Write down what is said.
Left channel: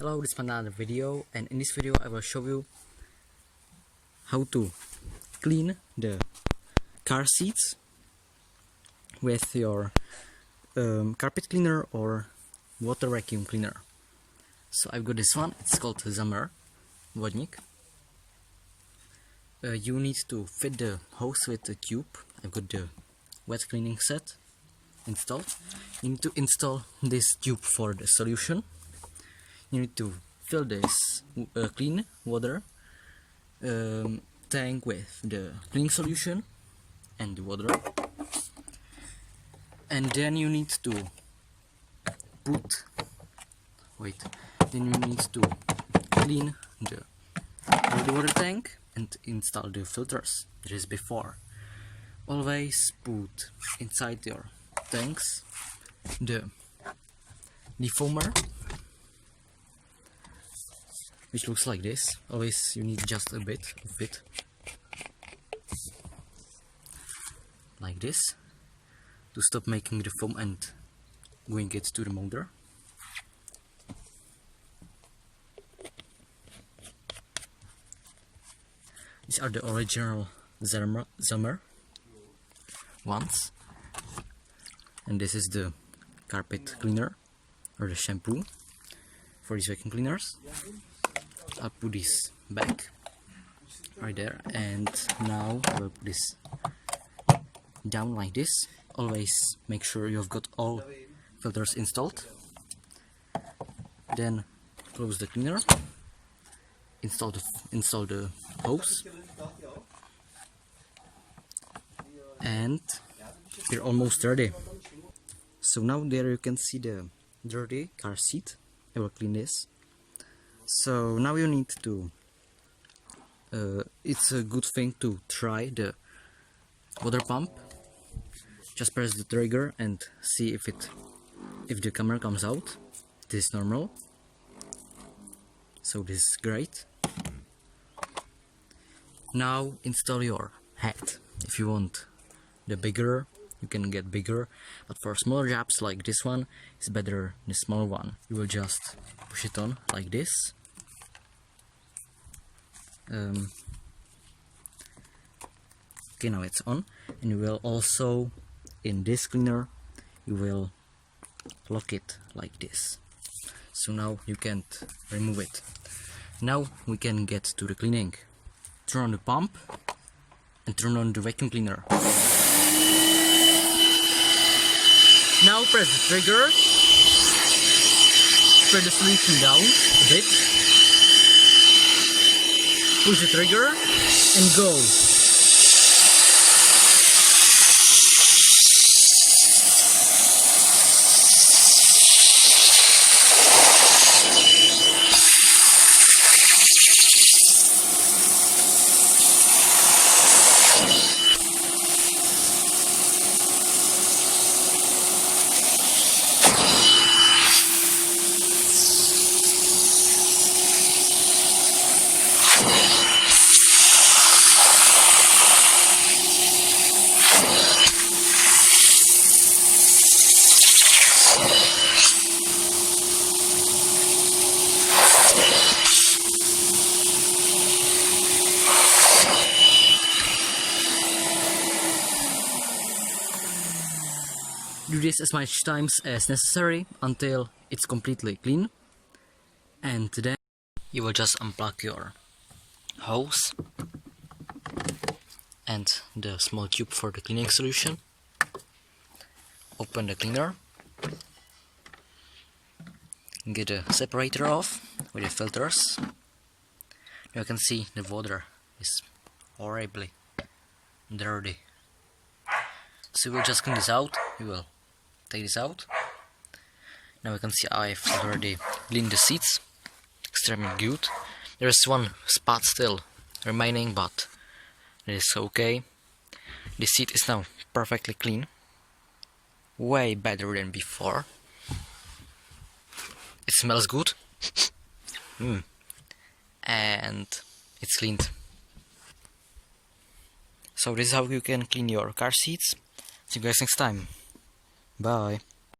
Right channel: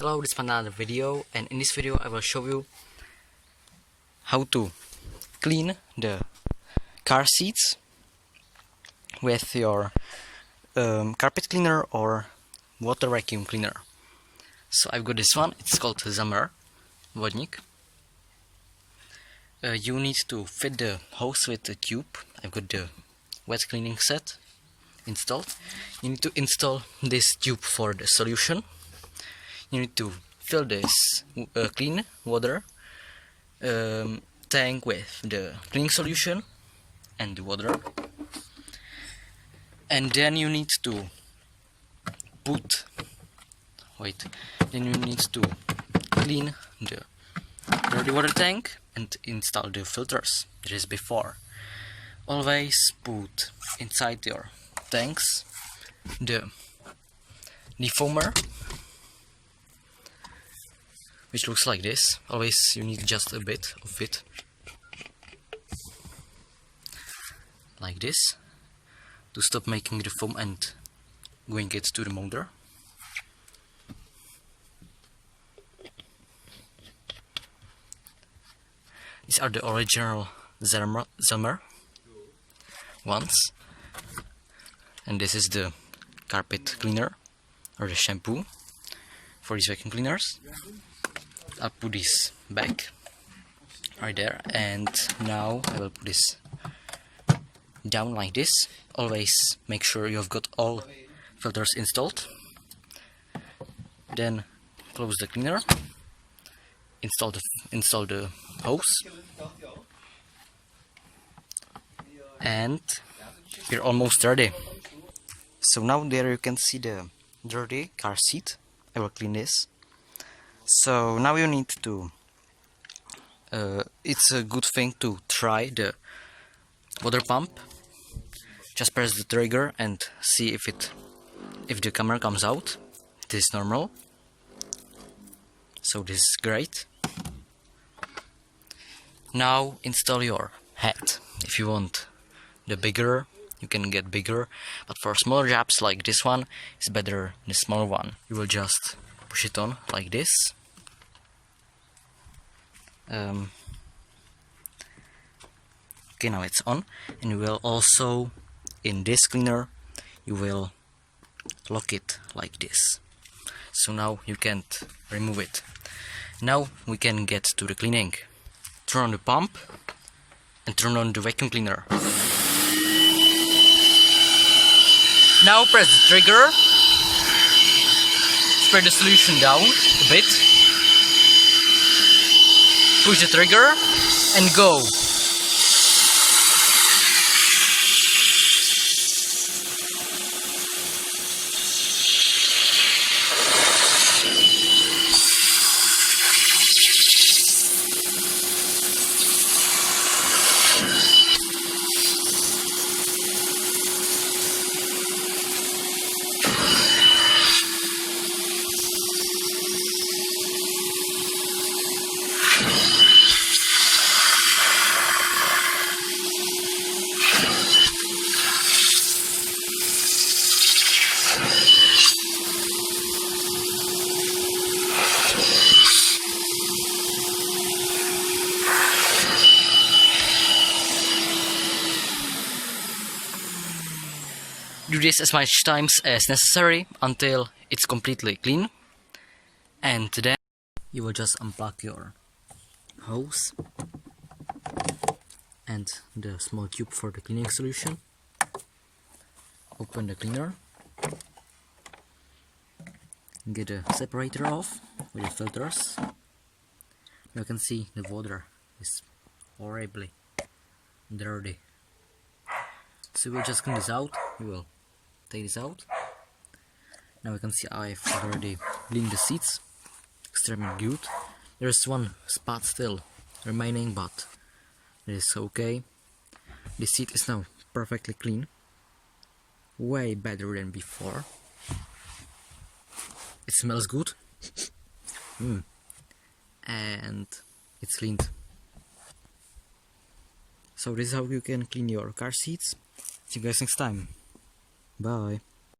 Hello, this is another video, and in this video I will show you how to clean the car seats with your carpet cleaner or water vacuum cleaner. So I've got this one, it's called Zelmer Vodník. You need to fit the hose with the tube. I've got the wet cleaning set installed. You need to install this tube for the solution. You need to fill this clean water tank with the cleaning solution and the water, and then you need to clean the dirty water tank and install the filters. That is before. Always put inside your tanks the defoamer, which looks like this. Always you need just a bit of it, like this, to stop making the foam and going it to the motor. These are the original Zelmer ones, and this is the carpet cleaner or the shampoo for these vacuum cleaners. I'll put this back right there, and now I will put this down like this. Always make sure you have got all filters installed. Then close the cleaner, install the hose, and we're almost ready. So now there you can see the dirty car seat. I will clean this. So now you need to, it's a good thing to try the water pump. Just press the trigger and see if the camera comes out. This is normal, so this is great. Now install your head. If you want the bigger, you can get bigger, but for smaller jobs like this one, it's better the smaller one. You will just push it on like this. Okay, now it's on, and you will also, in this cleaner, you will lock it like this. So now you can't remove it. Now we can get to the cleaning. Turn on the pump and turn on the vacuum cleaner. Now press the trigger, spread the solution down a bit, push the trigger and go. Do this as much times as necessary until it's completely clean, and then you will just unplug your hose and the small tube for the cleaning solution. Open the cleaner, get the separator off with the filters. You can see the water is horribly dirty, so we'll just clean this out. We will take this out. Now you can see I've already cleaned the seats extremely good. There's one spot still remaining, but it is okay. The seat is now perfectly clean, way better than before. It smells good and it's cleaned. So this is how you can clean your car seats. See you guys next time. Bye.